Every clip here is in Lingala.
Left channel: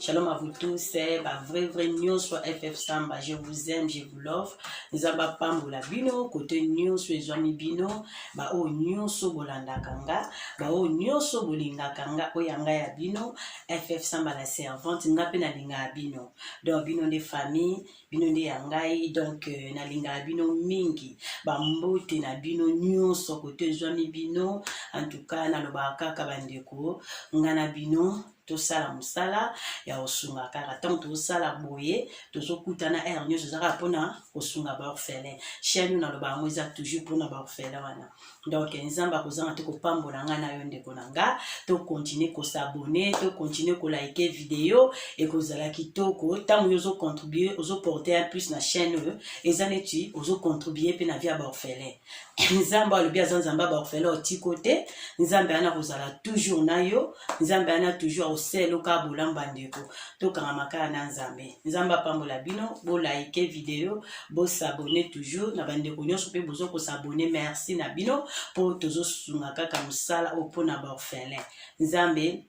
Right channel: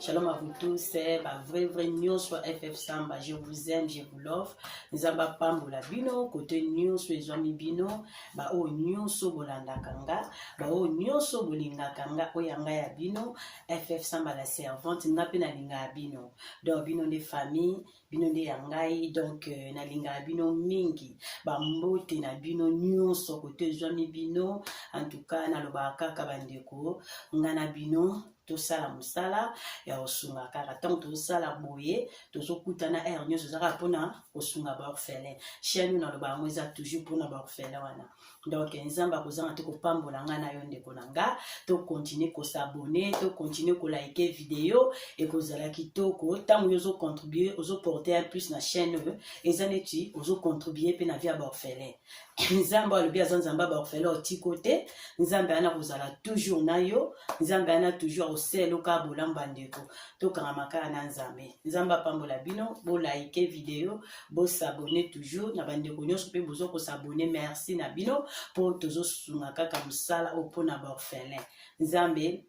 Shalom à vous tous, c'est ma vraie news sur FF Samba. Je vous aime, je vous love. Nous avons pas la bino, côté news sur les amis bino, ba o news sur Bolanda Kanga, ba o news sur Bolinga Kanga, o yanga ya bino, FF Samba la servante, n'a pas na linga bino. Donc bino des familles, bino des yangai, donc na linga bino mingi, ba mbote na bino news sur côté les amis bino, en tout cas na lobaka kabandeko, ngana bino. To sala musala ya osunga kaka tant to sala boye to sokutana nyo zaka pona osunga ba orphelin chaîne na loba moza toujours pona ba orphelin wana donc nzamba kozanga te ko pambola ngana yo ndeko nanga to continuer ko s'abonner to continuer ko liker vidéo et ko zala kitoko tant yo zo contribuer ozo porter un plus na chaîne ezaneti ozo contribuer pe na via ba orphelin nzamba le bien nzamba ba orphelin oti côté nzamba ana kozala toujours na yo nzamba ana toujours selo ka bolamba ndeko to kanga makana na nzambe nzamba pambola bino bo like vidéo bo s'abonner toujours na bandeko nyonso pe bozo ko s'abonner merci na bino pour tozo sunga kaka musala opona ba orphelin nzambe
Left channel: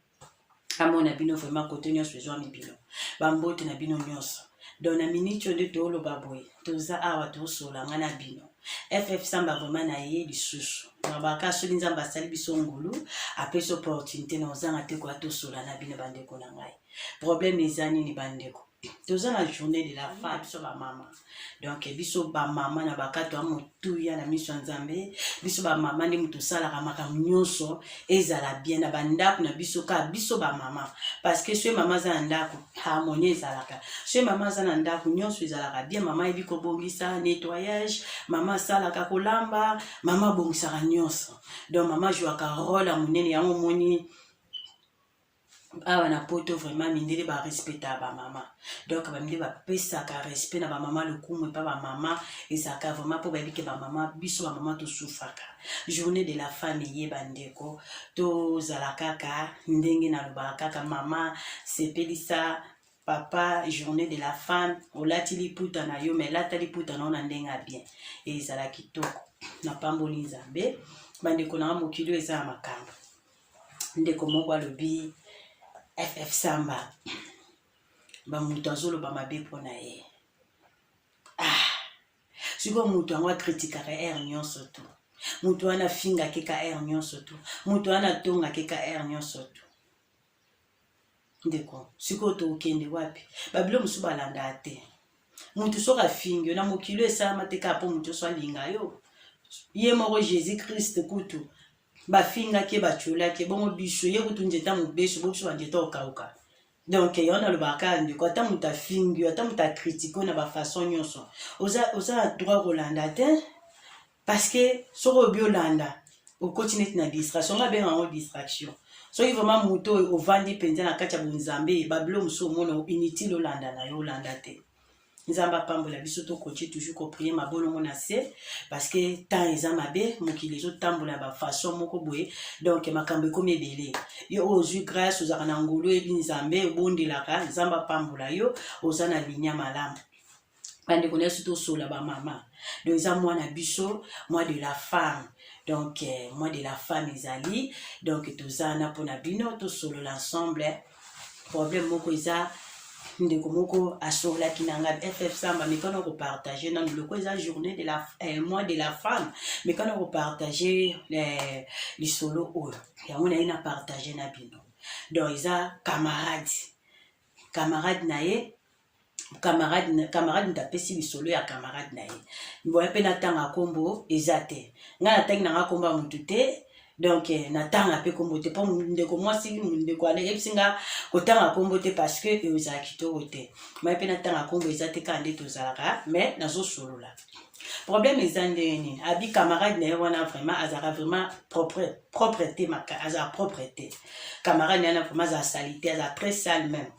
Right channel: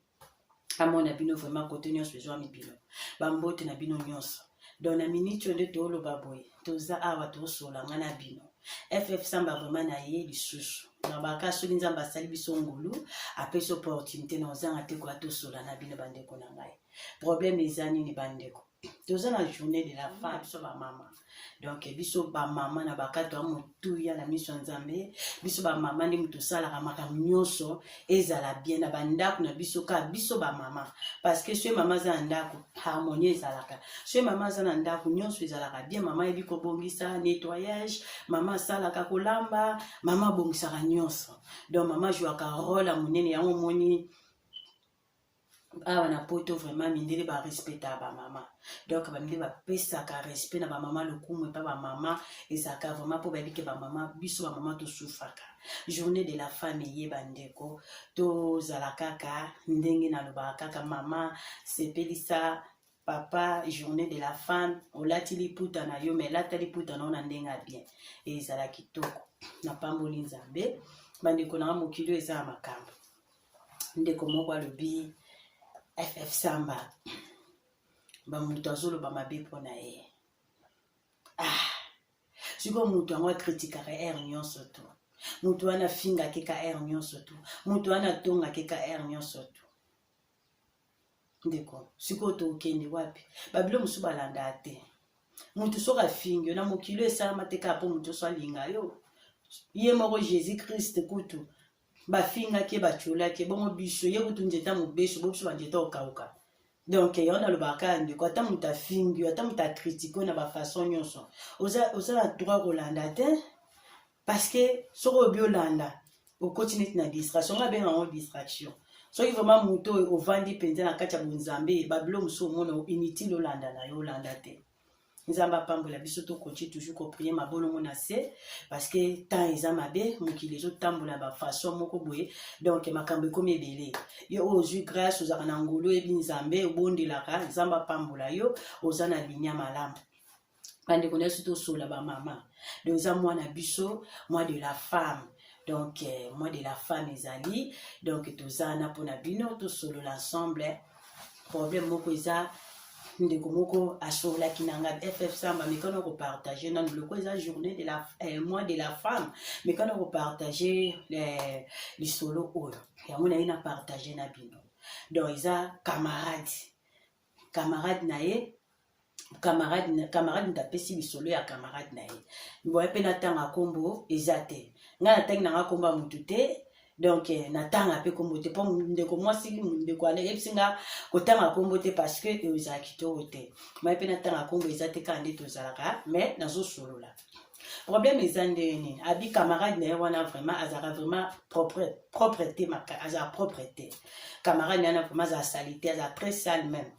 amona bino vraiment côté nyonso besoin mi bino bambote na bino nyonso dona minute de to lo baboy toza awa to sola ngana bino FF Samba vraiment na ye lisusu mabaka soli nzamba sali biso ngulu après cette opportunité na ozanga te kwa to sola na bino bandeko na ngai problème ezani ni bandeko toza na journée de la femme biso ba mama donc biso ba mama na bakato amotuya na miso nzambe biso ba mama ndi mutu sala ka makambo nyonso ezala bien na bandako na biso ka biso ba mama parce que ce mama za ndako harmonie ezalaka ce mama za ndako nyonso ezalaka bien mama ebi ko bongisa nettoyage mama sala ka kolamba mama bongisa nyonso donc mama joue ka rôle monene ya moni awa na poto vraiment mindele ba respecta ba mama donc ba mindele ba pesa ka respect na ba mama le kumu pa ba mama ezaka vraiment pour ba bike ba mama biso ba mama to soufaka journée de la femme ye bandeko to zalaka ka ndenge na lobaka ka mama sepelisa papa journée de la femme olati liputa na yo mais lata liputa na ona ndenga bien ezala kitoko na pamboli nzambe bandeko na mokilo eza makambo ndeko moko alobi FF Samba ba mutu azolo ba mabe pona ye siko mutu angwa kritikaka nyonso tu mutu ana finga ke ka nyonso tu mutu ana tonga ke ka nyonso tu ndeko siko to okende wapi babilo musu balanda te mutu soka fingi na mokilo esama te ka po mutu so alinga yo ye moko Jésus Christ kutu bafinga ke bachula ke bongo biso ye kutu njeta mubeso bobiso bandeta okauka donc yona le baka ndeko ata muta fingi ata muta critiquer na ba façon nyonso oza droit kolanda te parce que soko biolanda o continue na distraction nga benga en distraction so il vraiment muto o vandi penza na kati ya bonzambe bablo muso mona inutile olanda na yo olanda te nzamba pambola biso to continue toujours ko prier ma bolongo na se parce que temps eza mabe mokili zo tambola ba façon moko boye donc makambe comme ebele yo ozu grâce ozaka na ngolo ebi nzambe obondelaka nzamba pambola yo oza na linya malamu bande connaît surtout sola ba mama donc eza mwana biso moi de la femme donc moi de la femme ezali donc tozana pona bino to solo l'ensemble problème moko eza ndeko moko asola kinanga FF Samba mais quand on partager dans le quoi journée de la mois de la femme mais quand on partager les solo o ya on a une partager na bino donc isa camarade nae camarade ntapesi bisolo ya camarade nae mboya pe na tanga kombo ezate ngana tangi na komba mutu te donc natanga pe kombo te po ndeko mwasi ndeko ana epsinga kotanga kombo te parce que eza kitoko te mboya pe natanga kombo ezate kande tozalaka mais nazo solola problème ezandeni abi camarade nae wana vraiment azara vraiment propreté maka azara propreté camarade nae vraiment azara salité azara très sale même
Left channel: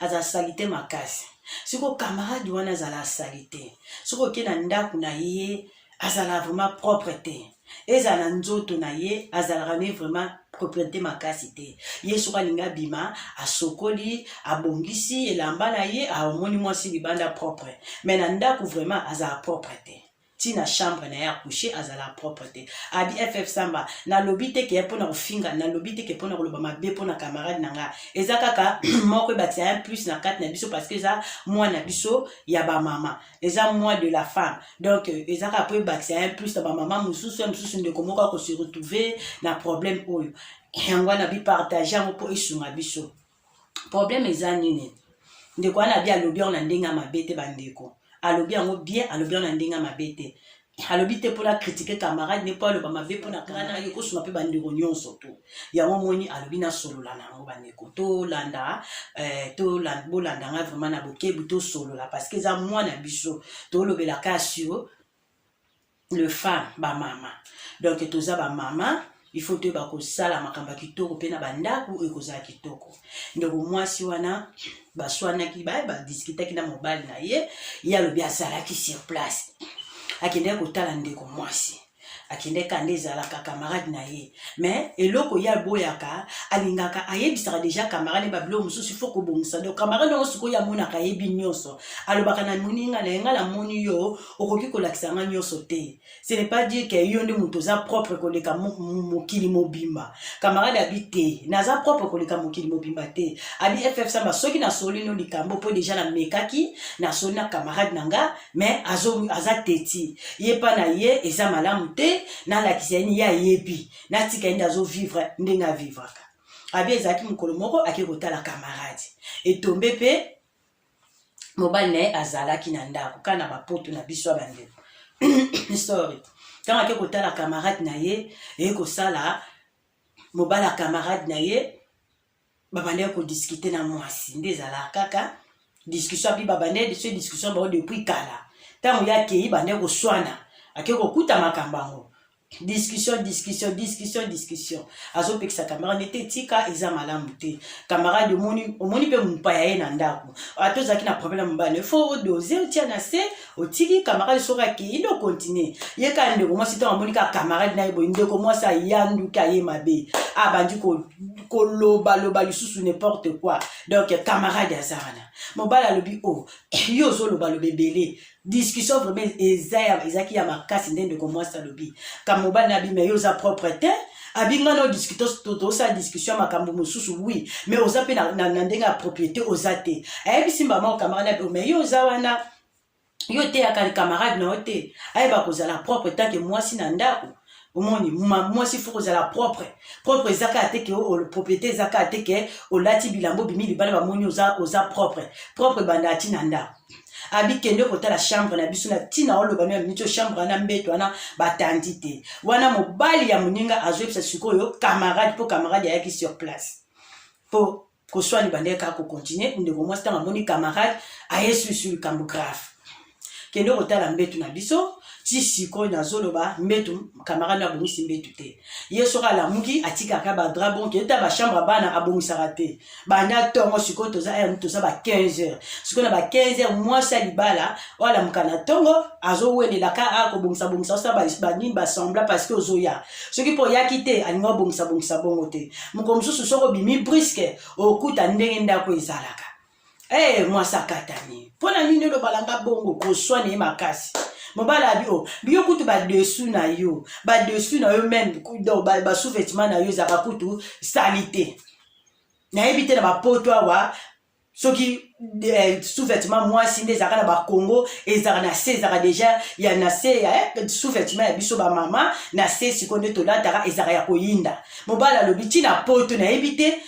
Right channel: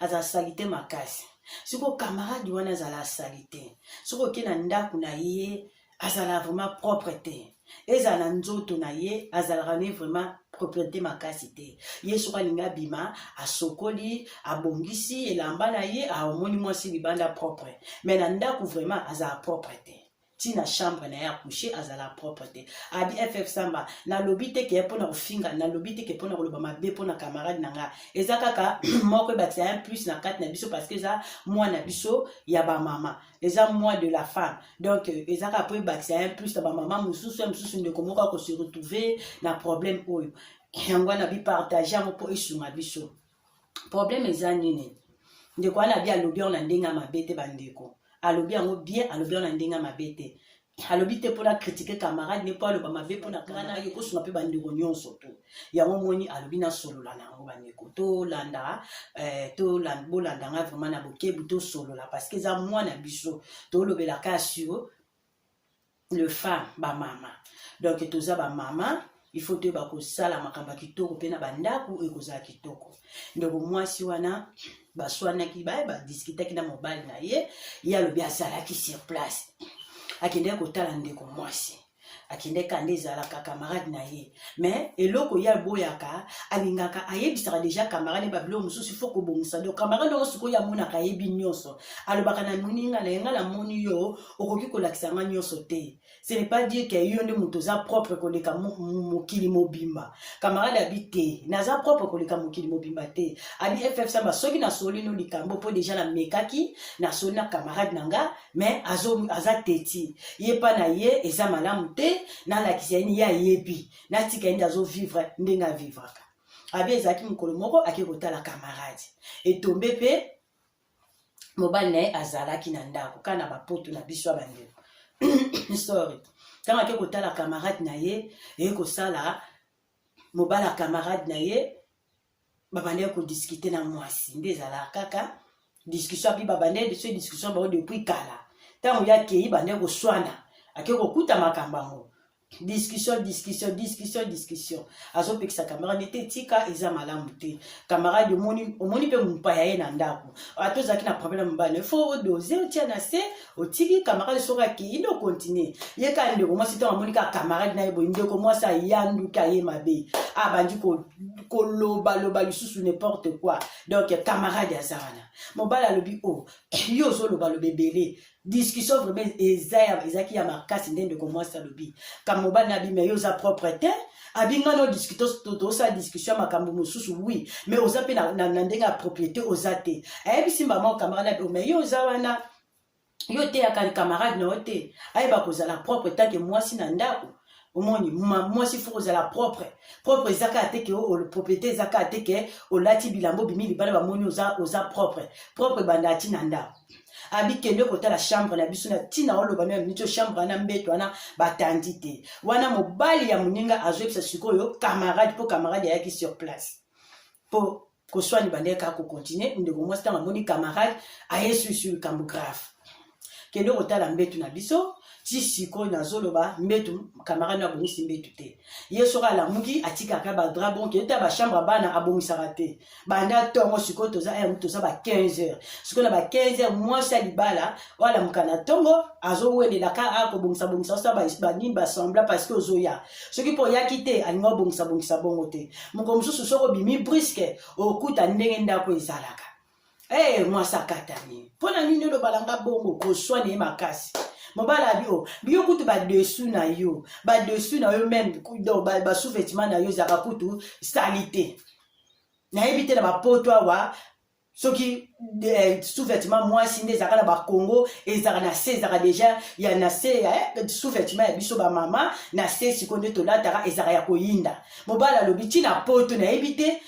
azara salité makasi siko camarade wana azara salité siko ke na ndako na ye azara vraiment propreté ezala nzoto na ye azala ne vraiment propriété makasi te ye soka linga bima asokoli abongisi elamba na ye amoni mwasi libanda propre mais na ndako vraiment azala propre te tina chambre na ya coucher azala propre te abi FF Samba na lobi te ke pona kofinga na lobi te ke pona koloba mabe pona camarade nanga eza kaka moko bati un plus na 4 na biso parce que eza moi na biso ya ba mama eza moi de la femme donc eza ka po bati un plus na ba mama mususu ndeko moko ko se retrouver na problème oyo yango na bi partager mo po esunga biso problème eza nini ndeko na bi alobi on na ndenga mabete bandeko alobi yango bien alobi on na ndenga mabete alobi te pona critiquer camarade ne pas le ba mabe pona kana ye ko suma pe bandeko nyonso to yango moni alobi na solola nango bandeko to landa bolanda nga vraiment na bokebu to solola parce que eza moi na biso to lobela ka sur le femme ba mama donc toza ba mama il faut te bako sala makamba kitoko pe na bandako ekozala kitoko ndeko mwasi wana baswana ki ba discuter ki na mobile na ye ya lobi azalaki sur place akende kotala ndeko mwasi akende kande ezalaka camarade na ye mais eloko ya boyaka alingaka ayebisaka déjà camarade babilo mosusu il faut kobongisa donc camarade yango sikoyo amonaka ayebi nyonso alobaka na moninga na yenga na moni yo okoki kolakisanga nyonso te ce n'est pas dire que yo nde moto oza propre koleka mokili mobimba camarade abi te naza propre koleka mokili mobimba te abi FF Samba soki nasoli no likambo po déjà na mekaki nasoli na camarade nanga mais aza teti ye pa na ye eza malamu te na la kiseni ya yebi na tika ndi azo vivre ndenga vivaka abi ezaki mukolo moko akekota la camarade etombe pe mobile na azalaki na ndako kana bapoto na biso bandeko sorry quand akekota la camarade na ye eko sala mobile la camarade na ye babande ko discuter na mwasi ndezala kaka discussion bi babande de ce discussion ba depuis kala tango ya kei bande ko swana akeko kuta makambango discussion azo pekisa camarade nete tika eza malamu te camarade omoni pe mpaya ye na ndako atozaki na problème mbane fo odoser otia na se otiki camarade soka ki indo continuer ye ka ndeko mwasi to amoni ka camarade na yebo ndeko mwasi ayanduka ye mabe abandi koloba lisusu n'importe quoi donc camarade azana mobala lobi o yo zo loba lobebele discussion vraiment ezaki ya makasi ndende ko mwasi lobi ka mobala na bi mais yo za propreté abinga no discuter sa discussion makambo mususu oui mais oza pe na ndenga propriété ozate ayebi simba ma camarade mais yo za wana yo te ya camarade na ote ayeba kozala propre tant que mwasi na ndako omoni mwasi faut kozala propre ezaka ateke o propriété ezaka ateke o lati bilambo bimi libala ba moni oza propre banda tina ndako abi kende kota la chambre na biso na tina oloba na mito chambre na mbeto wana batandi te wana mobali ya muninga azwepsa sikoyo camarade po camarade yaki sur place po ko swani bandeka ko continuer ndeko mwasi tanga moni camarade ayesu sur kambu grave kende kota la mbeto na biso ti sikoyo na zoloba mbetu camarade na bongisi mbetu te yeso kala muki atika ka ba drabon ke ta ba chambre bana abongisaka te banda tongo sikoyo toza ba 15h sikoyo na ba 15h mwasi alibala wala mukana tongo azo welela ka akobongisa sa ba nimba sembla parce que ozoya soki po yaki te alinga bongisa bongo te mukomsusu soko bimi brisque okuta ndenge ndako ezalaka mwasi akatani pona nini lo balanga bongo koswane makasi mobala bio bio kutu ba dessus na yo même do ba sous-vêtement na yo za kutu salité na éviter na ba poto wa soki sous-vêtement moi sinde za kana ba Congo ezaka na se ezaka déjà ya na se sous-vêtement ya biso ba mama na se sikonde to la tara ezaka ya koyinda mobala lo biti na poto na éviter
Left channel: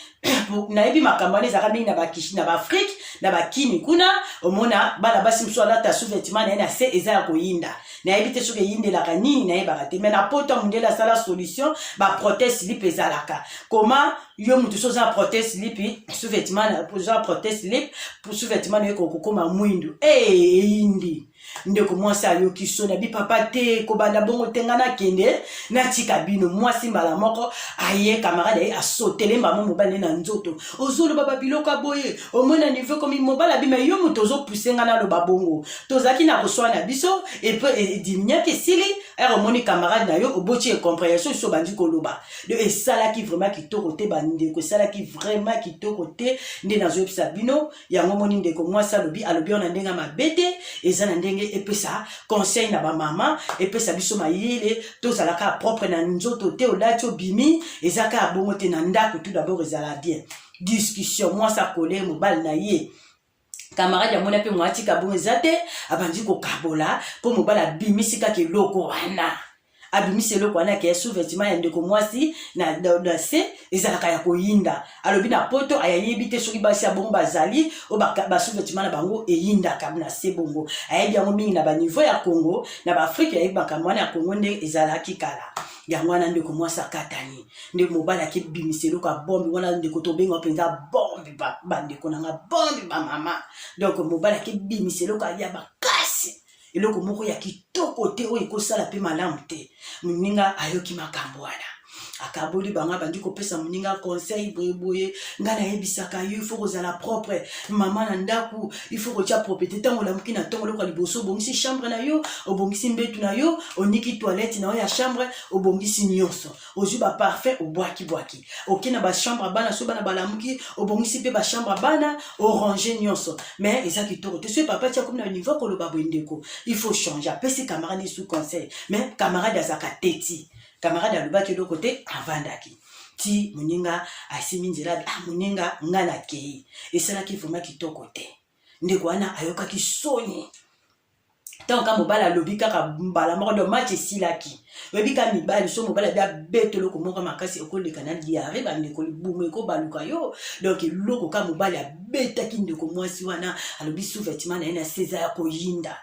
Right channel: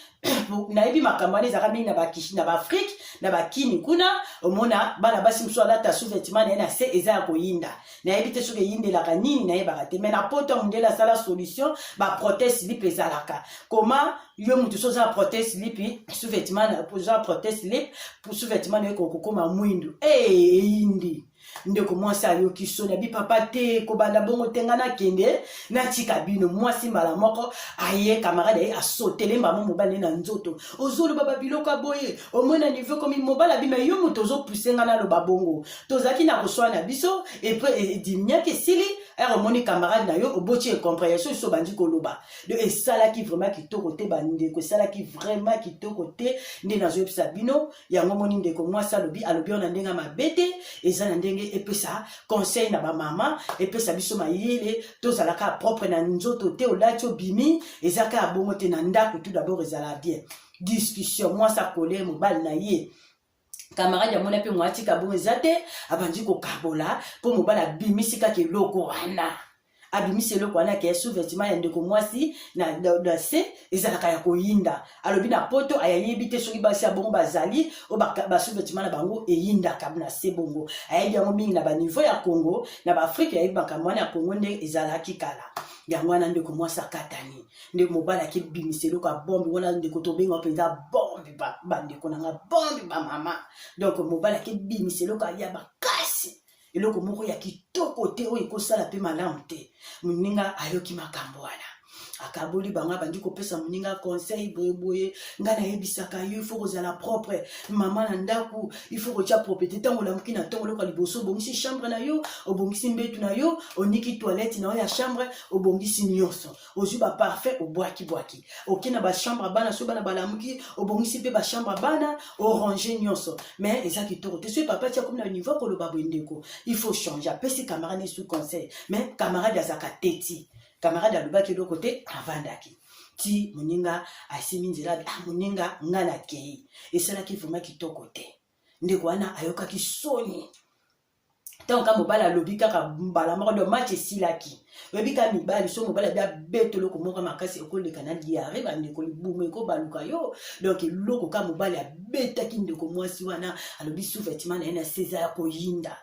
na ebi makambane ezaka mingi na bakishi na baafrike na bakini kuna omona bana basi mosusu alata sous-vêtement na ye na se eza ya koyinda nayebi te soki eyindelaka nini nayebaka te mais na poto ya mondele asala solution baprotège slip ezalaka koma yo mutu so oza protège slip sous-vêtement oza protège slip sous-vêtement na ye kokokoma mwindu eyindi ndeko mwasi ayoki so na bi papa te kobanda bongo tenga na kende na tika bino mwasi mbala moko aye camarade aye asotele mbamo mobali na nzoto ozoloba babiloko aboye omona niveau komi mobali abima yo moto ozopusenga na loba bongo tozalaki na koswa na biso edimiaki esili ere omoni camarade na yo oboti ecompréhension so bandi koloba de esalaki vraiment kitoko te bandeko esalaki vraiment kitoko te nde nazoyebisa bino yango moni ndeko mwasi alobi ona ndenge mabe te eza na ndenge epesa conseil na bamama epesa biso mayele tozalaka propre na nzoto te olati obimi ezaka abongo te na ndako tout d'abord ezala bien discussion mwasi akole mobali na ye camarade ya mona mpe mwatika bongo eza te abandi kokabola mpo mobali abimisi kaka eloko wana abimisi eloko wana ke sous-vêtement ya ndeko mwasi na se ezalaka ya koyinda alobi na poto ayayebi te soki basi ya bongo bazali o basous-vêtement na bango eyindaka na se bongo ayebi yango mingi na baniveau ya Congo na baafrike yayebaka mwana ya Congo nde ezalaki kala yango wana ndeko mwasi akatani nde mobali akebimisa eloko ya bombi wana ndeko tobenga mpenza bombi bandeko nanga bombi bamama donc mobali akebimisa eloko ya bakasi eloko moko ya kitoko te oyo ekosala mpe malamu te moninga ayoki makambo wana akaboli banga bandi kopesa moninga conseil boyeboye nga nayebisaka yo ifo kozala propre mama na ndaku ifo kotia propriété ntango olamuki na ntongo lokola liboso obongisi chambre na yo obongisi mbetu na yo oniki toilette na yo ya chambre obongisi nyonso ozwi baparfait obwaki oki na bachambre bana so bana balamuki obongisi mpe bachambre bana orange nyonso mais eza kitoko te soki papa tia komi na niveau koloba boye ndeko il faut changer apesi camarade sous conseil mais camarade azaka teti camarade alobaki eloko te avandaki ti moninga asimi nzela moninga nga na kei esalaki vraiment kitoko te ndeko wana ayokaki soni ntango mobali alobi kaka mbala moko de match esilaki oyebi ka mibali so mobali abi abeta eloko moko makasi okoleka na diare bandeko libumu ekobaluka yo donc eloko ka mobali abetaki ndeko mwasi wana alobi sous-vêtement na ye na se eza ya koyinda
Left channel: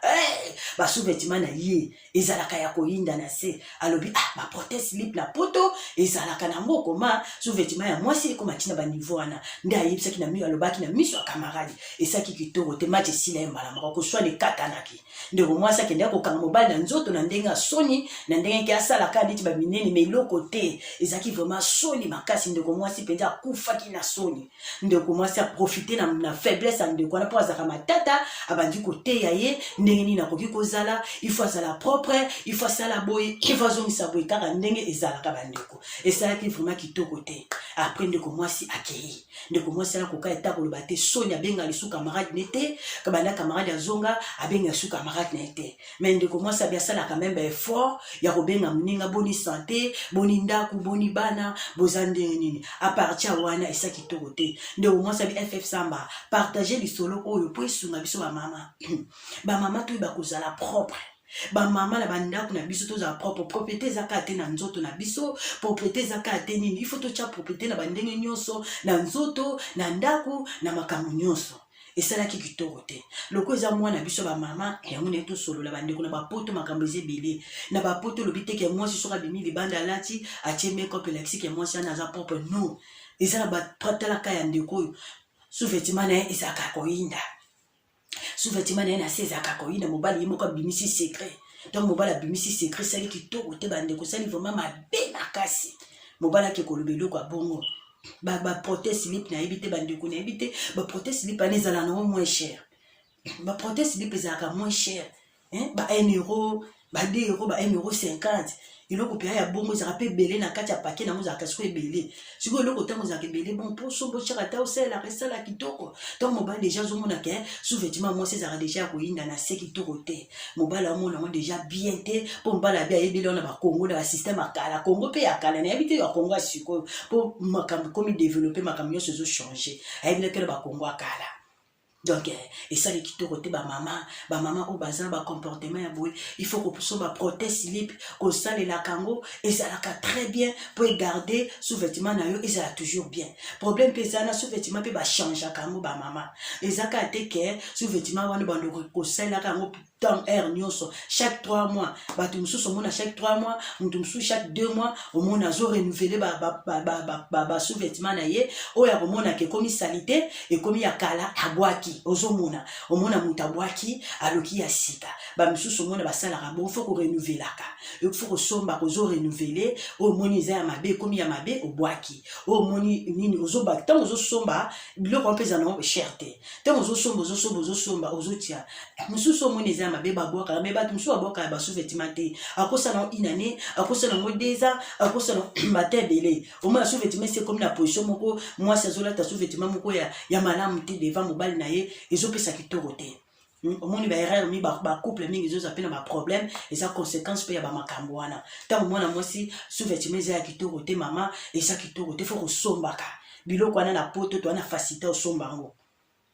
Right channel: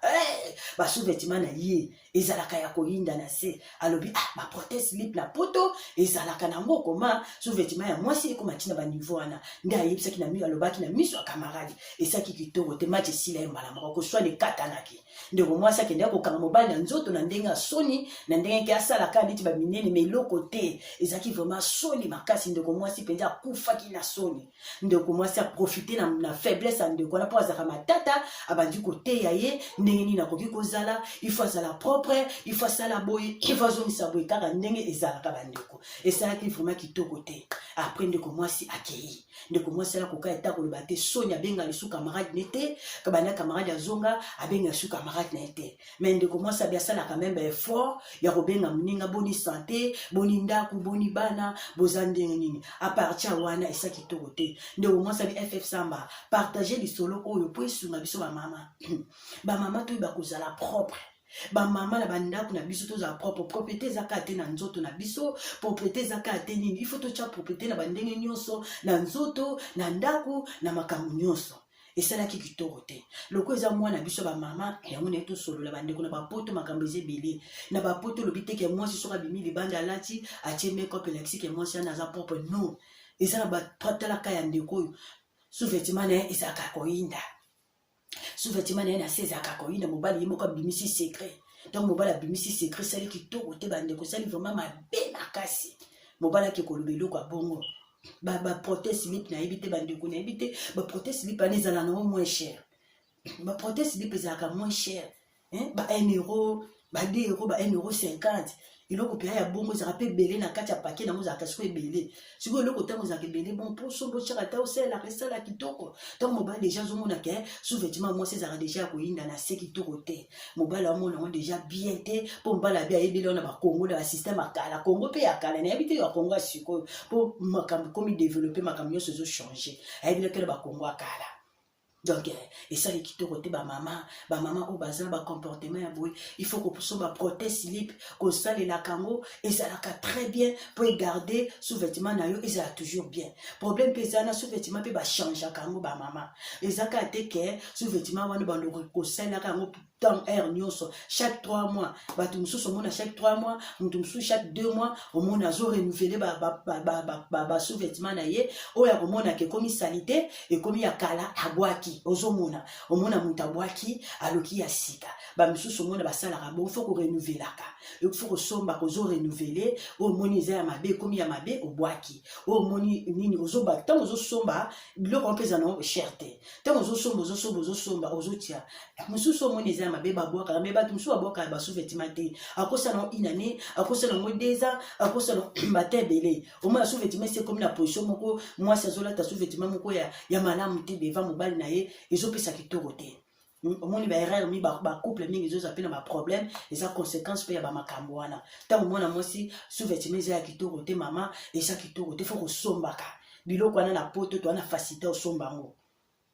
basous-vêtement na ye ezalaka ya koyinda na se alobi baprotège slip na poto ezalaka nango koma sous-vêtement ya mwasi ekoma ntina baniveau wana nde ayebisaki na alobaki na miso ya camarade esaki kitoko te match esila ye mbala moko koswana ekatanaki ndeko mwasi akendea kokanga mobali na nzoto na ndenge asoni na ndenge ke asalaka neti baminene me eloko te ezalaki vraiment soni makasi ndeko mwasi mpenza akufaki na soni ndeko mwasi aprofite na faiblesse ya ndeko wana mpo azalaka matata abandi koteya ye ndenge nini akoki kozala ifo azala propre ifo asala boye ifo azongisa boye kaka ndenge ezalaka bandeko esalaki vraiment kitoko te apres ndeko mwasi akei ndeko mwasi alakoka eta koloba te soni abenga lisu camarade ne te kabanda camarade azonga abenga lisu camarade ne te mais ndeko mwasi abi asalaka même effort ya kobenga moninga boni santé boni ndaku boni bana boza ndenge nini apartir wana esa kitoko te ndeko mwasi abi ff samba partager lisolo oyo po esunga biso bamama bamama toyo bakozala propre bamama na bandako na biso tozala propre propriété ezaka te na nzoto na biso propriété ezaka te nini ifo totia propriété na bandenge nyonso na nzoto na ndako na makambo nyonso esalaki kitoko te loko eza mwana biso bamama yango na ye tosolola bandeko na bapoto makambo eza ebele na bapoto lobi teke mwasi soki abimi libanda alati atie makeup elakisike mwasi wana aza propre no eza na batalaka ya ndeko oyo sous-vêtement na ye ezalaka koyinda sous-vêtement na ye na se ezalaka koyinda mobali ye moko abimisi secret donc mobali abimisi secret esali kitoko te bandeko esali vraiment mabe makasi mobali ake koloba eloko abongo baprotège slip nayebi te bandeko nayebi te baprotège slip wana ezala nango moins cher baprotège slip ezalaka moins cher ba 1 euro ba 2 euro ba 1 euro 50 eloko mpe ya bongo ezalaka mpe ebele na kati ya pake nango ezalaka siko ebele sikoyo eloko ntango ezalaka ebele bon mposo botyaka ata osalelaka esala kitoko ntango mobali deja azomonaka sous-vêtement mwasi ezalaka deja ya koyinda na se kitoko te mobali amona yango deja bien te mpo mobali abi ayebeli wana bakongo na basystème akala kongo mpe ya kala nayebi te bakongo ya sikoyo mpo makambo komi développe makambo nyonso ezochange ayebelaki na bakongo akala donc esali kitoko te bamama oyo bazala bacomportement ya boye il faut kopuso baprotège slip kosalelaka yango ezalaka très bien po egarde sous-vêtement na yo ezala toujours bien problème mpe eza na sous-vêtement mpe bachangeaka yango bamama ezaka te ke sous-vêtement wana bandoko kosalelaka yango temps air nyonso chaque 3 mois bato mosusu omona chaque 3 mois moto mosusu chaque 2 mois omona azo renouveler ba sous-vêtement na ye oyo akomona ke ekomi salite ekomi ya kala abwaki ozomona omona moto abwaki aloki ya sika bamisusu omona basalaka bo faut korenouvelaka faut kosomba kozo renouveler oyo omoni eza ya mabe ekomi ya mabe obwaki oyo omoni nini ozobaki ntango ozosomba biloko mpeza nango cher te ntango ozosomba ozotia mosusu omoni eza ya mabe babwakaka me bato mosusu babwakaka basous-vêtement te akosa nango inane akosa nango 2 ans akosa nango bata ebele omona sous-vêtement esi ekomi na position moko mwasi azolata sous-vêtement moko ya malamu te devant mobali na ye ezopesa kitoko te omoni baerreur mi bacouple mingi ezoza mpe na baproblème eza conséquence mpe ya bamakambo wana ntango mwana mwasi sous-vêtement eza ya kitoko te mama eza kitoko te fo kosombaka biloko wana na poto towana facilité osomba yango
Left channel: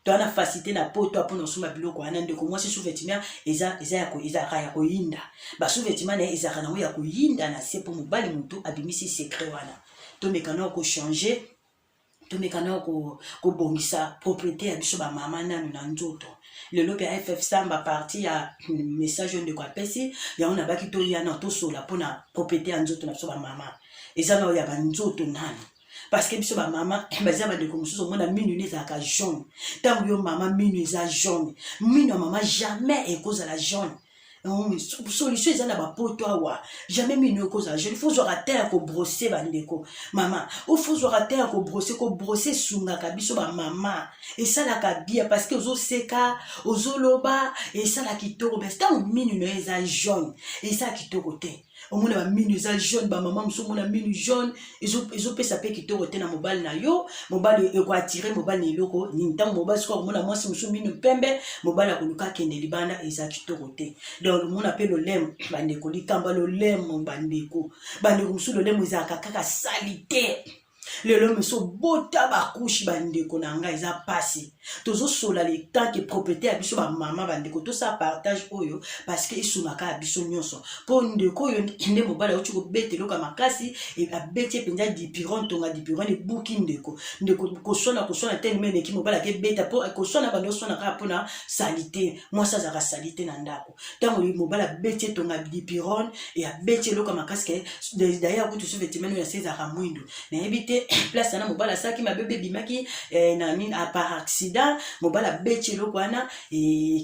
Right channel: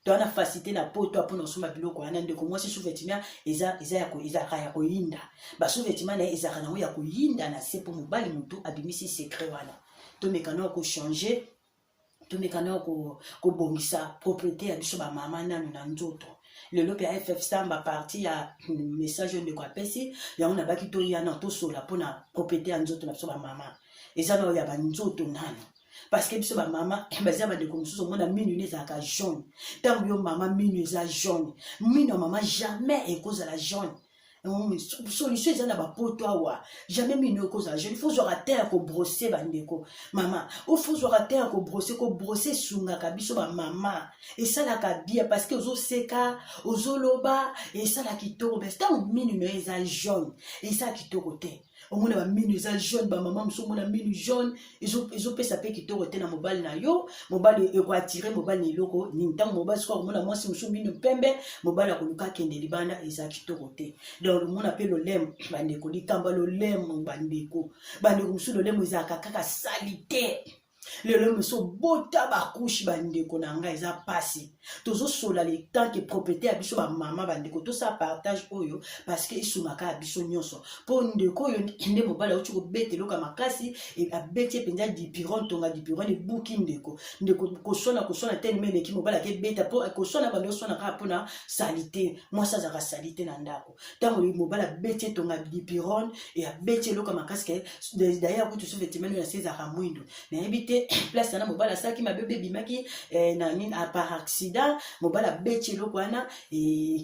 towana facilité na poto apona osomba biloko wana ndeko mwasi sous-vêtement ezalaka ya koyinda basous-vêtement na ye ezalaka nango ya koyinda na se mpo mobali motu abimisi secret wana tomeka nao kochange tomeka nao kobongisa propriété ya biso bamama nanu na nzoto lelo mpe ff samba parti ya message oyo ndeko apesi yango nabaki toyana tosola mpona propriété ya nzoto na biso bamama eza nao ya banzoto nanu parce que biso bamama baza bandeko mosusu omona minu ne ezalaka jaune ntango yo mama minu eza jaune minu ya mama jamais ekozala jaune solution eza na bapoto awa jamais minu ekozala jaune faut zwaka te ya kobrose bandeko mama faut zwaka te ya kobrose esungaka biso bamama esalaka bia parce que ozoseka ozoloba esala kitoko parce que ntango minu no eza jaune esala kitoko te omona baminu eza jaune bamama mosusu omona minu jaune ezopesa mpe kitoko te na mobali na yo mobali ekoatire mobali na eloko nini ntango mobali soki akomona mwasi mosusu minu pembe mobali akoluka akende libanda eza kitoko te donc omona mpe lolemo bandeko likamba lolemo bandeko mosusu lolemo ezalaka kaka sali te lelo mosusu bota bakushi bandeko na ngai eza pasi tozosola le temps ke propriété ya biso bamama bandeko tosala partage oyo parce que esungaka ya biso nyonso mpo ndeko oyo nde mobali auti kobeta eloko ya makasi abeti epenza dipiron tonga dipiron ebuki ndeko koswana te nime eleki mobali akebeta mpo koswana bando oswana kaka mpona salite mwasi azalaka salite na ndako ntango mobali abeti etonga dipiron abeti eloko ya makasi ke d'ailleurs kutu sous-vêtement oyo yase ezalaka mwindo nayebi te place wana mobali asalaki mabebe ebimaki par accident mobali abeti eloko wana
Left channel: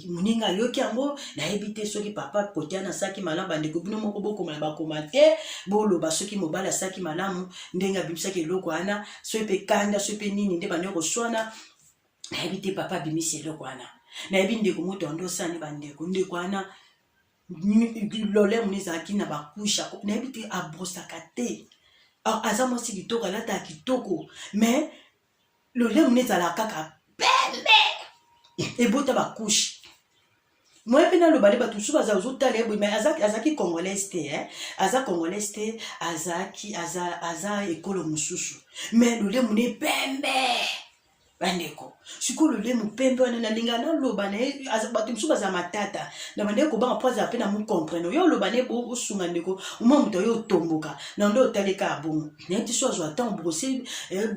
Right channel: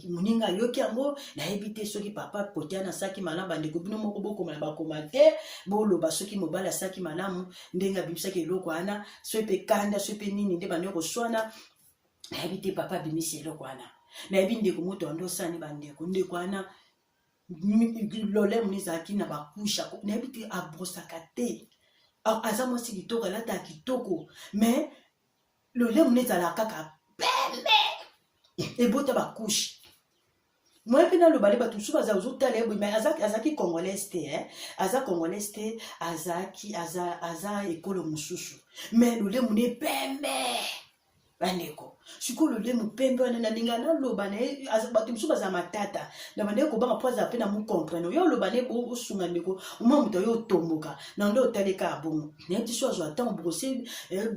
moninga ayoki yango nayebi te soki papa kote wana asalaki malamu bandeko bino moko bokomana bakoma te boloba soki mobali asalaki malamu ndenge abimisaki eloko wana soki mpe kanda soki mpe nini nde bande koswana nayebi te papa abimisi eloko wana nayebi ndeko moto ando osani bandeko ndeko wana lolemo ezalaki na bakusha nayebi te abrosaka te aza mwasi kitoko alataka kitoko mais lolemo ezalaka kaka pembe ebota bakushe moi mpe nalobali bato mosusu baza ozotala ye boye mais azalaki congolaise te aza congolaise te aza ekolo mosusu mais lolemo ne pembe bandeko sikoyo lolemo pembe wana nalinga naloba na ye bato mosusu baza matata na bandeko kobanga mpo azala mpe na mokomprene oyo oloba na ye osunga ndeko oma moto oyo otomboka na nde otaleka abongo nayebi te so azwa ntango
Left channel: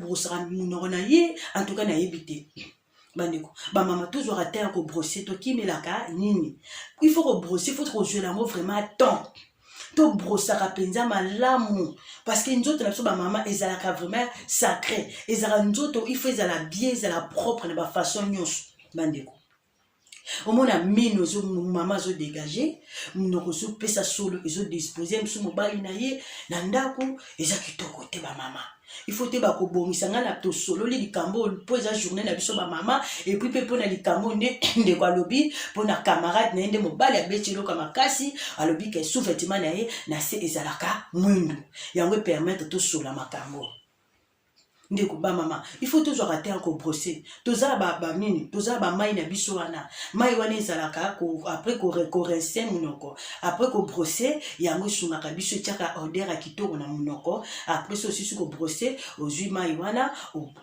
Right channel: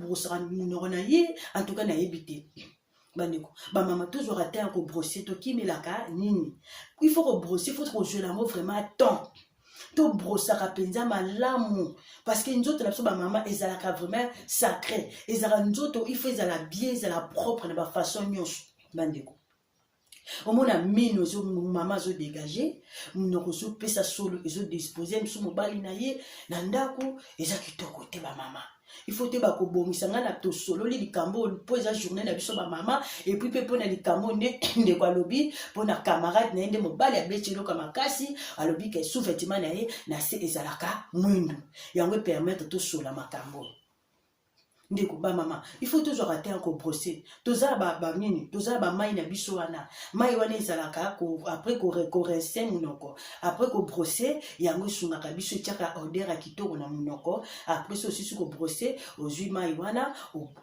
brosaka monoko na ye antuka nayebi te bandeko bamama tozwaka te ya kobrose tokimelaka nini il faut kobrose il faut kozwela yango vraiment temps tobrosaka mpenza malamu parce que nzoto na biso bamama ezalaka vraiment sacré ezalaka nzoto il faut ezala bien ezala propre na bafaçon nyonso bandeko omona mino mama azodégage monoko ezopesa solo ezodispose mosu mobali na ye na ndako eza kitoko te bamama il faut te bakobongisa nga na tosololi likambo mpo eza journée na biso bamama epuis mpe mpo na likambo nde ndeko alobi mpo na camarade na ye nde mobali abeti eloko makasi alobi ke sous-vêtement na ye na se ezalaka mwindu yango epermettre tosola makambo ndeko bamama il faut tozwaka te kobrose tozala banini tozala bamai na biso wana mai wana ezalaka après korince monoko après kobrose yango esungaka biso etiaka odeur ya kitoko na monoko après so osisi kobrose ozwi mai wana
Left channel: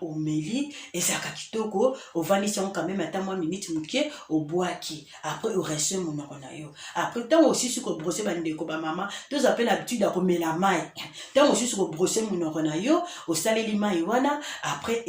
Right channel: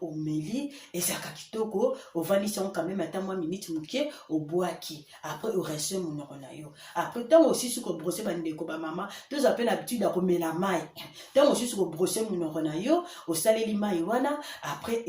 omeli ezalaka kitoko ovandisi yango quand même ata mwa minute moke obwaki après orince monoko na yo après ntango osisi kobrose bandeko bamama tozala mpe na habitude ya komela mai ntango osisi kobrose monoko na yo osaleli mai wana après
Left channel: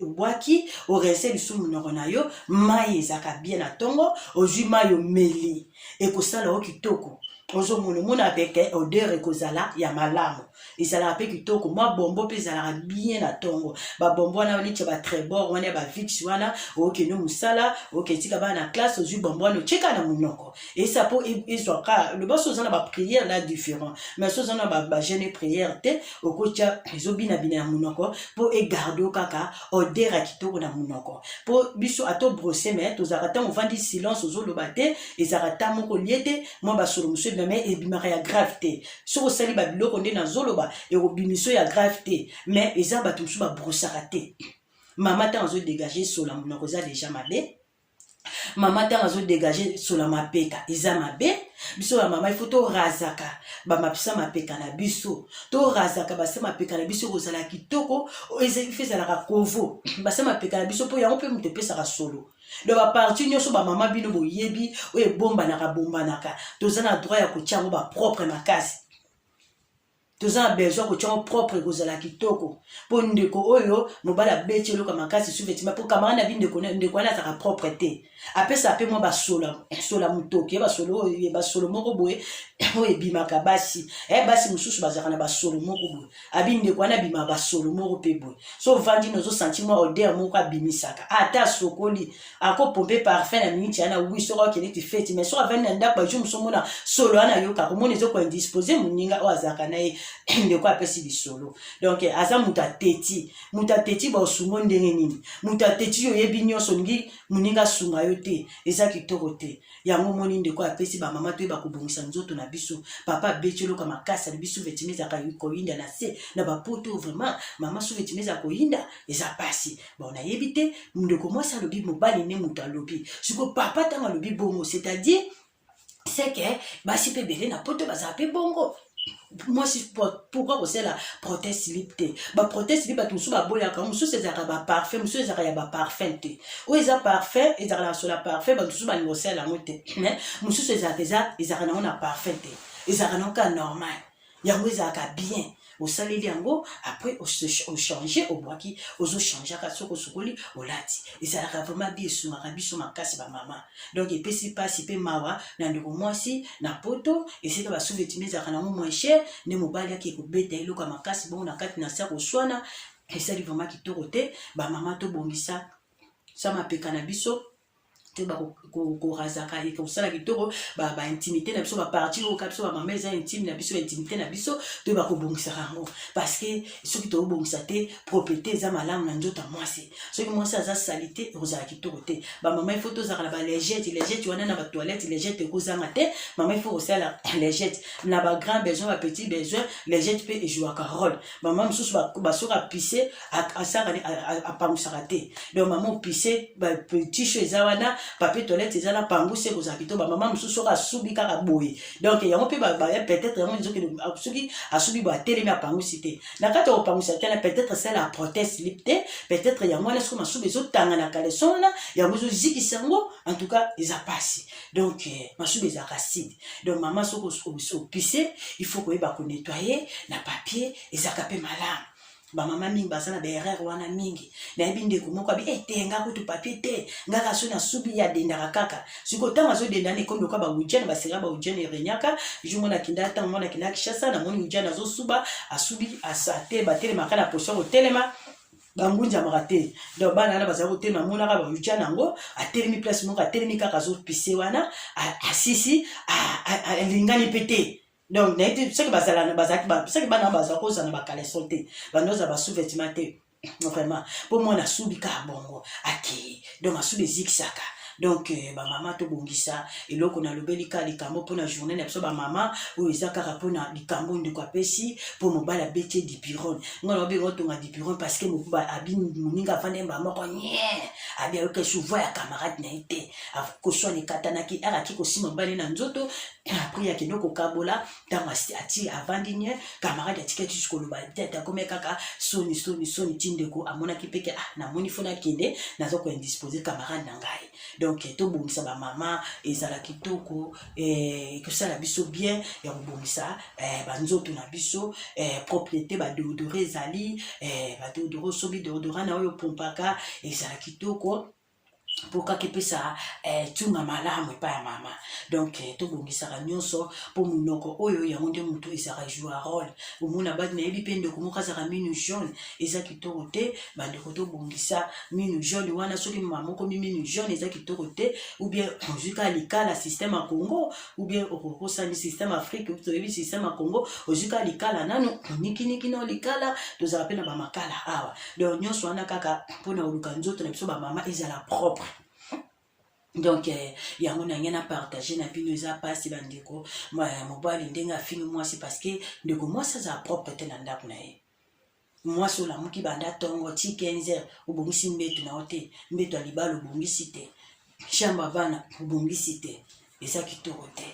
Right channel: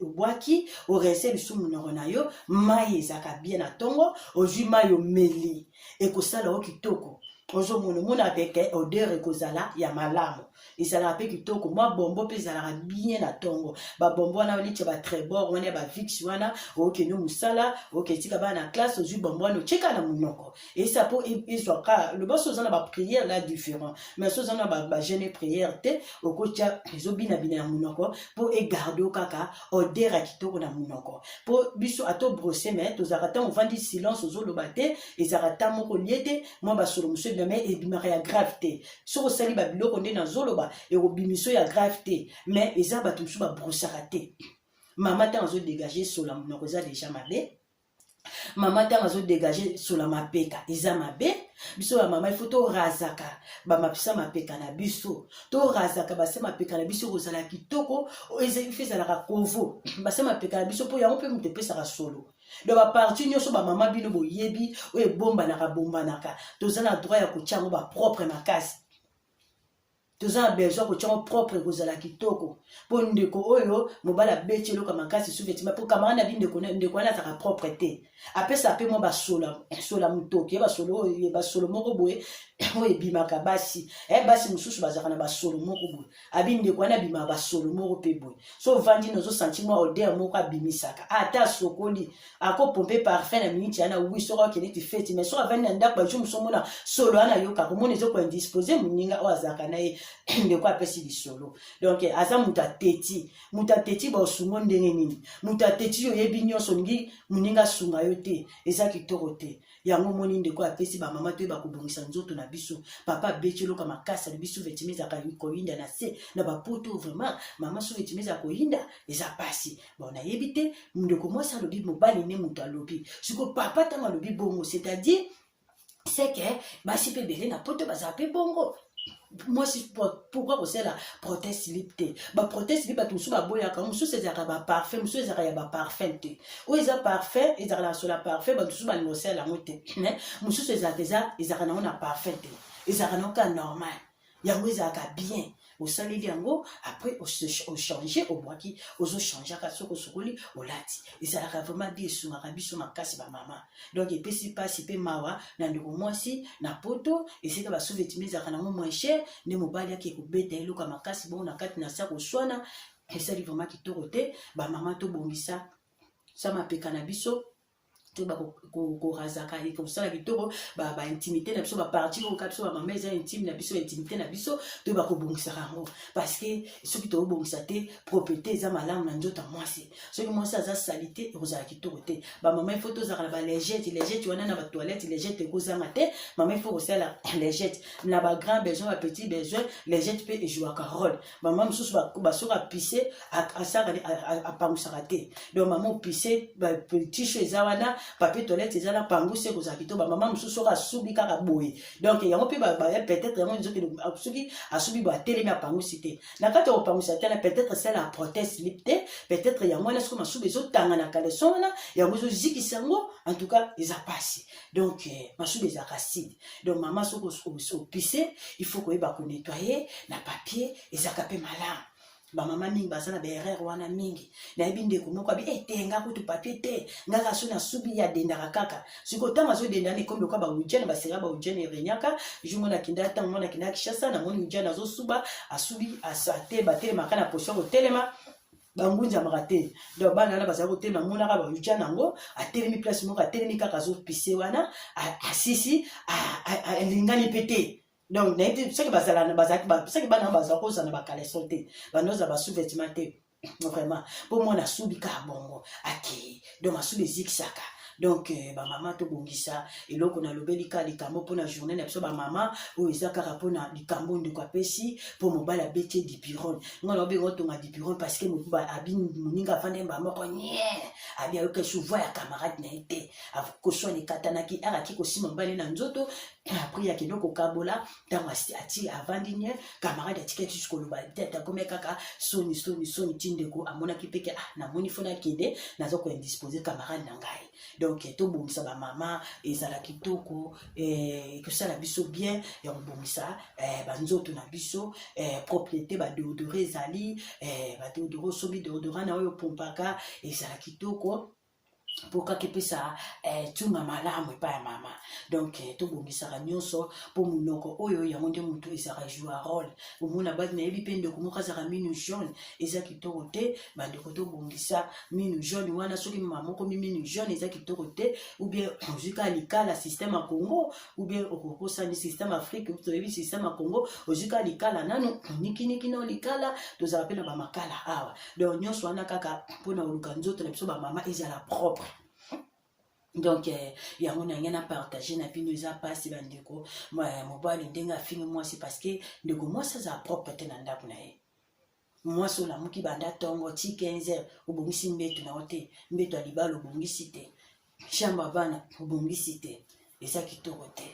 obwaki orince lisu monoko na yo mai ezalaka bien na ntongo ozwi mai omeli ekosala o kitoko ozomona avec odeur ekozala ya malamu ezalaka mpe kitoko mwa bombo mpe ezalaka bien na ntongo babombo wana neti ya batrébord wana ya bavix wana okende mosala oketika bana na classe ozwi bombo wana otyeka na monoko esa mpo ezwaka loba so oza na baprière la différent mais so oza na bagene prière te okotya ezobinabina ya monoko mpo egarde o kaka odeur ya kitoko na monoko mpo biso ato brose me tozalaka ntango ovandi silence ozoloba te ezalaka ta moko lie te mwa basolo mosu ebima ebimaka ya grave te soki osali babiloko nde nazoloba ekobimiso ya grave te mais eza bato mosusu babrosaka te mama ntango azodégage sola monoko eza deja mabe mama ntango azodégage sola mapeka eza mabe biso bamama ifo torazaka bamapesa mapeka na biso torazaka base mapeka na biso kozala kitoko ifo ezalaka kovo base mapeka na biso mpo yango mpe moto epesaka solo donc baparti nyonso bamama bino boyebi oyo ebombanaka toza na droit ya kotya yango bapropre makasi toza na besoin kotia yango propre ekozala kitoko mpo ndeko oyo mobali abeti eloko makasi suvetima mpo camarade na bi ndeko wana azalaka propre te apesa mpe mwa basola motoki basolo moko boye oyo ebimaka basi basi mosusu bazalaka na basolo moko boye abi ndeko wana abimaka basolo moko mpe boye so ovandi nozosanti mwa odeur moko abimisaka ata asokoli akopompe parfum na miniti yana wi soki akende ti feti mais soki avandi na ndako bajour mosu omona solo wana ayokaka omona ezokoindispose moninga oyo azalaka na ye ndeko apesi bisolo donc aza moto ateti baosungo ndenge nini moto ateti yo oyebi nyonso olingi moninga asunga yo te eza kitoko te yango omoni ndeko apesi bamama toyeba kobongisa nzoto na biso papa abeti eloko makasi alibi suvetime ezaka koyinda na se na bapoto vraiment mama suvetime eza koyinda eza pasi bon nayebi te ndeko mwasi alobi mobali nde moto alobi siko papa ntango alobi bongo c'est-à-dire c'est que basi mpe ebele na poto bazala mpe bongo moi si pourquoi kosala protest slip te baprotest slip bato mosusu baboyaka mosusu ezalaka baparfum mosusu ezalaka ya baparfum te oyo eza parfum ezalaka na sola parfum bato mosusu balingi kosala yango te mosusu ezalaka nango na parfum te ezalaka nango ka normal yango ezalaka bien osaleli yango après ochange obwaki ozochangeaka soki osokoli olati ezalaka vraiment bi esungaka biso makasi bamama donc epesi mpasi mpe mawa na ndeko mwasi na poto esika basuvetime ezalaka nango moins cher nde mobali ake kobeta eloko makasi bongo na kati na sa koswana esali vraiment kitoko te bamama tobongisa sa mapeka na biso te bakorazaka ekosala kitoko baintimité na biso baparti oyoka biso bamama eza intime na biso intimité na biso to bakobongisaka yango parce que soki tobongisa te propriété eza malamu na nzoto ya mwasi soki mwasi aza sali te ekozala kitoko te bamama ifo tozalaka na balegete wana na batoilette legete ekozanga te mama ifo kosala legete na bagrand besoin bapetit besoin legete mpe ejouaka role mama mosusu basoki apise apangusaka te donc mama opise bapetit cho eza wana papier toilette eza na pangu se kozala kitoko bamama mosusu soki asubi kaka boye donc yango mpe peut-être yango soki asubi boye atelemi apangusi te na kati ya kopangwisa te na peut-être sala protest slip te peut-être yango wana soki masubi ezotanga na kaleson wana yango ezozikisa yango en tout cas eza pasi donc masubi ezalaka acide donc mama soki opise il faut koyeba konettoye na papier ezalaka mpe malamu bamama mingi baza na baerreur wana mingi nayebi ndeko moko abi te nga kutu papier te ngaka so nasubi ya dendaka kaka siko ntango azodenda na ekomi loka baujene basira baujene erenyaka jungo nakinda ntango mwana kinda kishasa namoni ujene azosuba asubi asate batelemaka na position kotelema bangunjamaka te donc bana wana bazala kotelema monaka baujene yango atelemi place moko atelemi kaka azopise wana asisi alingani mpe te donc soki bana bazala kozala na bakaleson te bandoza basouvetima te vraiment mpo mwana asubi kaka bongo akei donc asubi ezikisaka donc bamama tobongisa eloko nalobeli ka likambo mpona journée na biso bamama oyo eza kaka mpona likambo ndeko apesi mpo mobali abeti dipirone nga nalobi ngo tonga dipirone parce que abi moninga afande bamoko nye abi ayoka souvent ya camarade na ye te koswana ekatanaki araki kosima mobali na nzoto apres akende kokabola ntango ati avandi nye camarade atikaki koloba te akomi kaka soni ti ndeko amonaki mpeke namoni fo nakende naza koindispose camarade na ngai donc tobongisa bamama ezala kitoko ekosala biso bien ya kobongisa banzoto na biso propriété badeodore ezali badeodore osobi deodora na oyo opompaka ezala kitoko pour que ça tunga malamu pa ya mama donc to bongisaka nyonso pour munoko oyo ya monde muto ezaka jouer rôle omuna bad na yebi pende ko moka zaka minu jaune eza kitoko te bande ko to bongisa minu jaune wana soki mama moko minu jaune eza kitoko te ou bien ozika likala système à Congo ou bien okokosa ni système Afrique ou to yebi système à Congo ozika likala nanu niki na likala to za pena ba makala awa donc nyonso wana kaka pona oluka nzoto na biso ba mama ezala propre. Donc yango na ngena partager na bino eza pasi bandeko mobali ndenga fini moi c'est parce que ndeko moi ça za propre te na ndako na ye moi so la muki banda tongo ti 15h obongisi mbeto na ote mbeto alibalo obongisi te chamba vana obongisi te eza kitoko te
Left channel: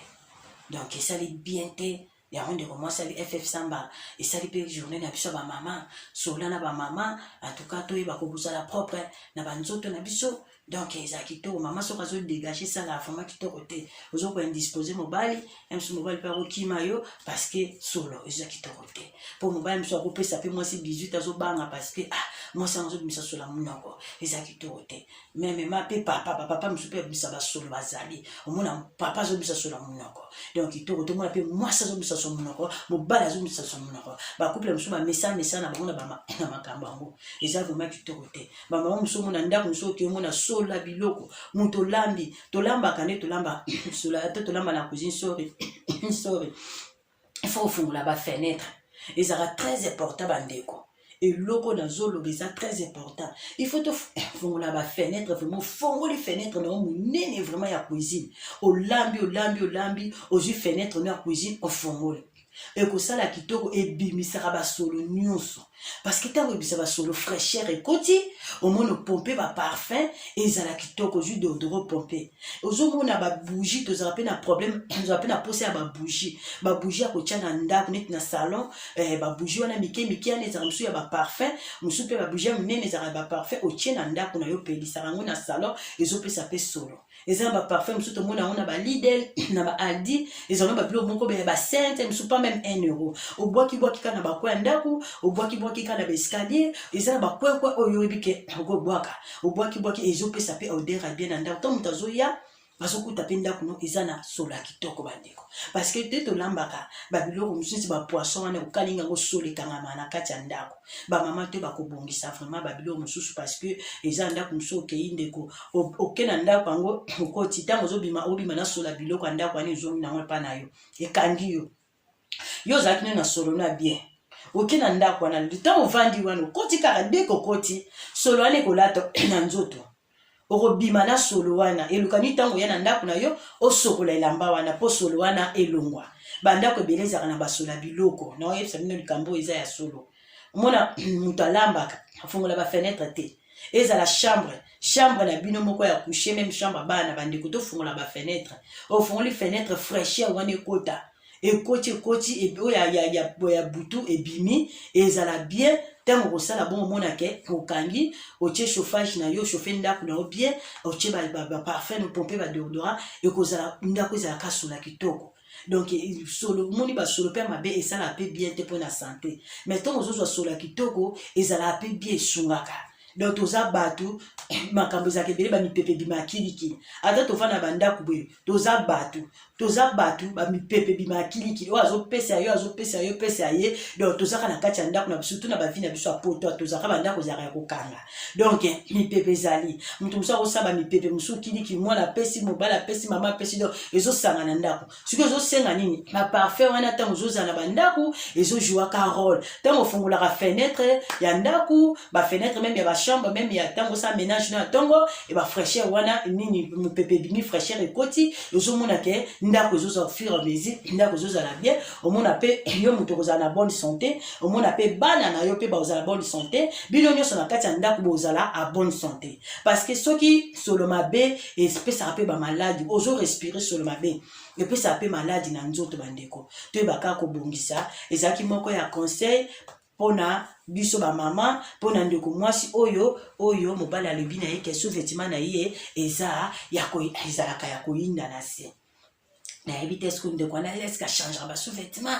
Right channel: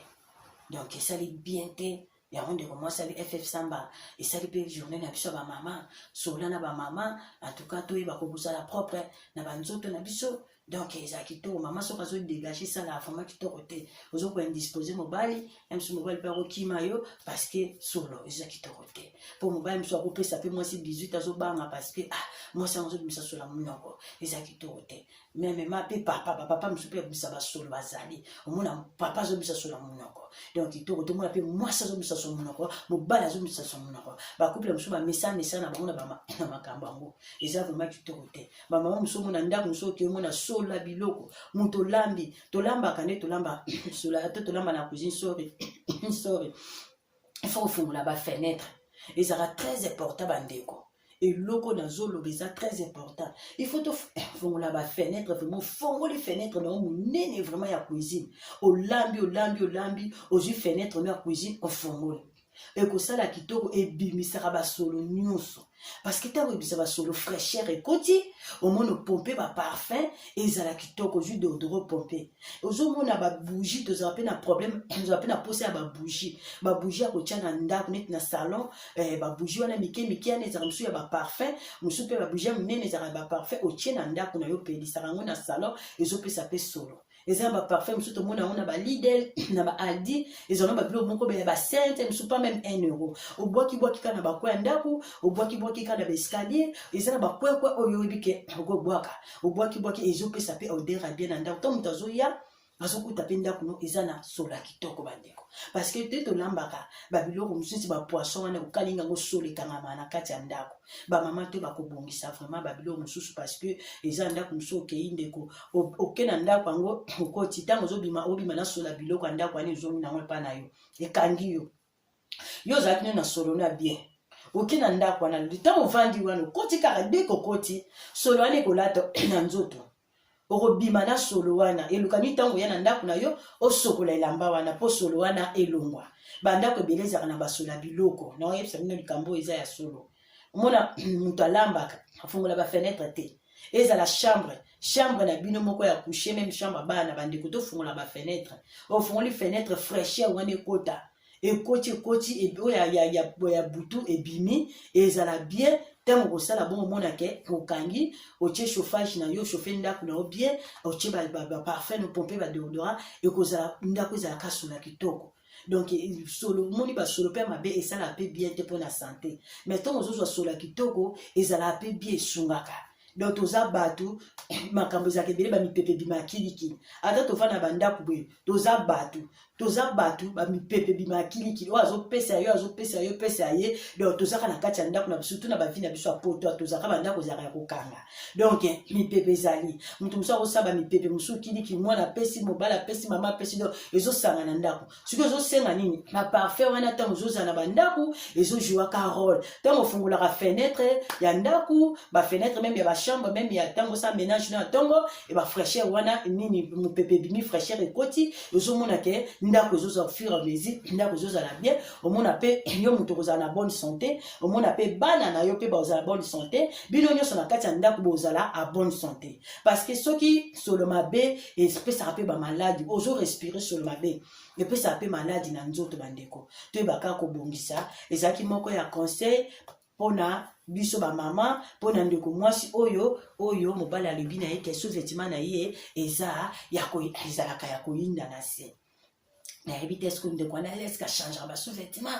donc ça li bien te yango ndeko moi ça li FF Samba et ça li pe journée na biso ba maman sola na ba maman en tout cas to yeba ko bosala propre na banzoto na biso. Donc eza kitoko maman soka zo dégager ça la femme kitoko te ozo ko indisposer mobali même si mobali pa ko kimayo parce que solo eza kitoko te pour mobali mso ko pesa pe moi si 18 azo banga parce que moi ça zo bimisa sola munoko eza kitoko te même ma pe papa mso pe bimisa ba solo bazali omona papa zo bimisa sola munoko donc kitoko to moi pe moi ça zo bimisa sola munoko mobali zo bimisa sola munoko ba couple mso ba message na bango na makambo ngo eza vraiment kitoko te ba maman mso mona ndako mso ki mona la biloko muto lambi tolamba kane tolamba sola te tolamba na cuisine sorry il faut ofungola ba fenêtre et ça sera très important bandeko et loko na zolo ça très important il faut ofungola ba fenêtre vraiment fongo les fenêtres na munene vraiment ya cuisine olambi ozu fenêtre na cuisine ofungole et que ça la kitoko e bimisaka ba solo nyonso parce que tant que ba solo fraîcheur et koti au moins pomper ba parfum et ça la kitoko jus d'odorant pomper ozo mona ba bougie to za na problème to za na poser ba bougie a ko tia na ndako net na salon ba bougie wana miki ane za msu ya ba parfum msu pe ba bougie munene za ba parfum o tia na ndako na yo pelisa rango na salon ezo pe sa pe solo ezana ba parfum msu to mona ona ba Lidl na ba Aldi ezana ba bilo moko ba sainte msu pas même 1 euro o boki kana ba kwa ndako o boki kana ba escalier ezana ba kwa oyo ebike go boaka o boki ezo pe sa pe odeur bien na ndako to mutazo ya bazokuta pe ndako no ezana sola kitoko bandeko parce que te to lambaka ba biloko mususi ba poisson wana okalinga go sole kangama na kati ya ndako ba mama te ba kobongisa vraiment ba biloko mususu parce que ezana ndako mususu okei ndeko okena ndako yango okoti tango obima na sola biloko ndako ani zomi na pa na yo ekangi yo zakine na solo na bien okena ndako wana ntango vandi wana okoti kaka deko koti solo wana ekolato na nzoto okobima na solo wana elukani ntango ya na ndako na yo osokola elamba wana po solo wana elongwa bandako ebele ezaka na basola biloko na oyebisa bino likambo eza ya solo omona moto alambaka afongola bafenetre te ezala chambre na bino moko ya coucher même chambre bana bandeko tofongola bafenetre ofongoli fenetre fraîcheur wana ekoti ya butu ebimi ezala bien tango kosala bon omona ke okangi otie chauffage na yo chauffe ndako na yo bien otie ba parfum no pompe ba déodorant ekozala ndako ezala kasola kitoko donc solo moni ba solo pe mabe esala pe bien te pour la santé mais tango ozozwa solo kitoko ezala pe bien sungaka donc toza batu makambo ezaka ebele bamipepe bimakiliki ata tofanda bandako boye toza batu bamipepe bimakiliki oyo azopesa yo pesa ye donc tozaka na kati ya ndako na biso to na bavi na biso ya poto tozaka bandako ezalaka ya kokanga donc mipepe ezali moto mosu akosala bamipepe mosu kiliki mwana apesi mobali apesi mama apesi donc ezosanga na ndako soki ezosenga nini baparfum wana ntango ezozala na bandako ezojouaka rôle ntango ofungolaka fenêtre ya ndako bafenêtre meme ya bachambre meme ya ntango osa ménage na ntongo e bafraîcheur wana nini mopepe bimi fraîcheur ekoti ezomona ke ndako ezozala fur à mesure ndako ezozala bien omona pe yo moto kozala na bonne santé omona pe bana na yo pe bazala bonne santé bino nyonso na kati ya ndako bozala à bonne santé parce que soki solo mabe espesaka pe bamaladi ozo respirer solo mabe epesaka pe maladi na nzoto bandeko toyebaka kobongisa ezalaki moko ya conseil pona biso ba mama pona ndeko mwasi oyo mobali alobi na ye ke sous-vêtement na ye ezalaka ya koyinda na se nayebi te eske ndeko wana eske achangera ba sous-vêtement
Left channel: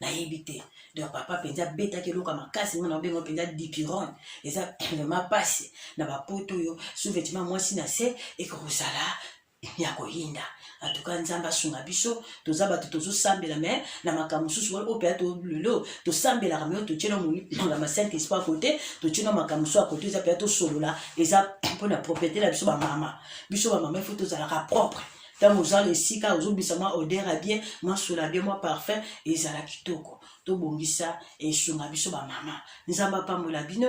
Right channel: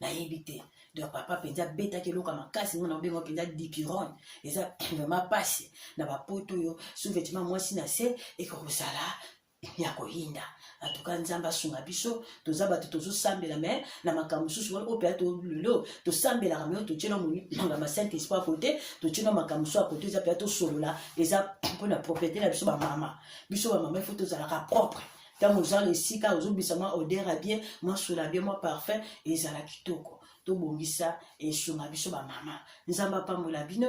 nayebi te donc papa penza beta ke loka makasi mona bengo penza dipiron eza vraiment passe na ba poto yo sous-vêtement moi si na se et que rosala ya koyinda en tout cas nzamba sunga biso toza bato tozosambela me na makambo mosusu wana oyo mpenza tolelo tosambelaka me oyo totiena na saint esprit côté totiena makambo mosusu ya kote eza mpenza tosolola eza mpona propriété na biso bamama ifo tozalaka propre ntango ozala esika ozobisa mwa odeur ya bien mwa sola bien mwa parfum ezala kitoko tobongisa esunga biso bamama nzamba apambola bino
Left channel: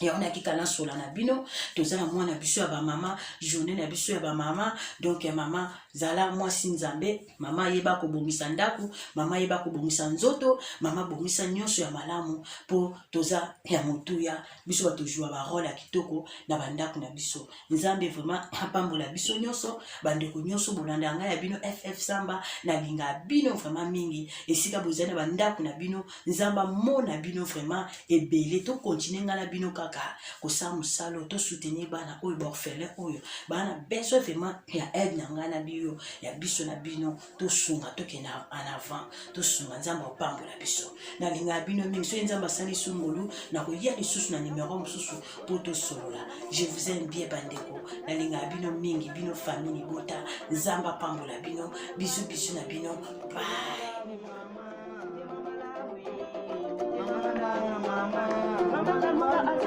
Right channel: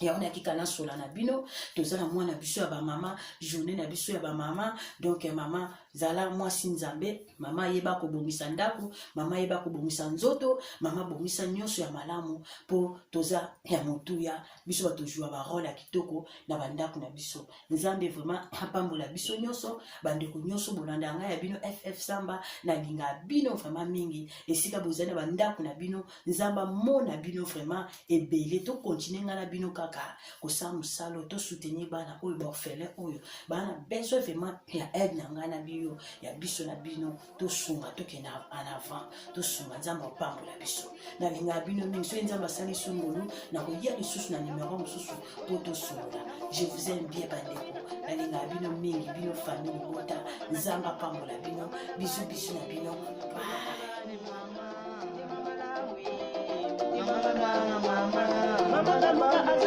yango nakika na sola na bino tozala mwana biso ya bamama journée na biso ya bamama donc mama zala mwasi nzambe mama yeba kobongisa ndako mama yeba kobongisa nzoto mama bongisa nyonso ya malamu po toza ya motuya biso batojua barole ya kitoko na bandako na biso nzambe vraiment apambola biso nyonso bandeko nyonso bolanda ngai ya bino ff samba nalinga bino vraiment mingi esika bozali na bandako na bino nzamba mona bino vraiment ebele to continue nga na bino kaka kosala mosala to soutenir bana oyo baorphelin oyo bana besoin vraiment ya aide na ngai na bino ya biso na bino tosunga tokende en avant tosunga nzambe opambola biso nalinga bino mingi soki nzambe asali sungulu nakoya lisusu na nimero mosusu po tosolola je vous aime bien bandeko nalinga bino mingi bino famille bota nzambe apambola bino biso na bino bye.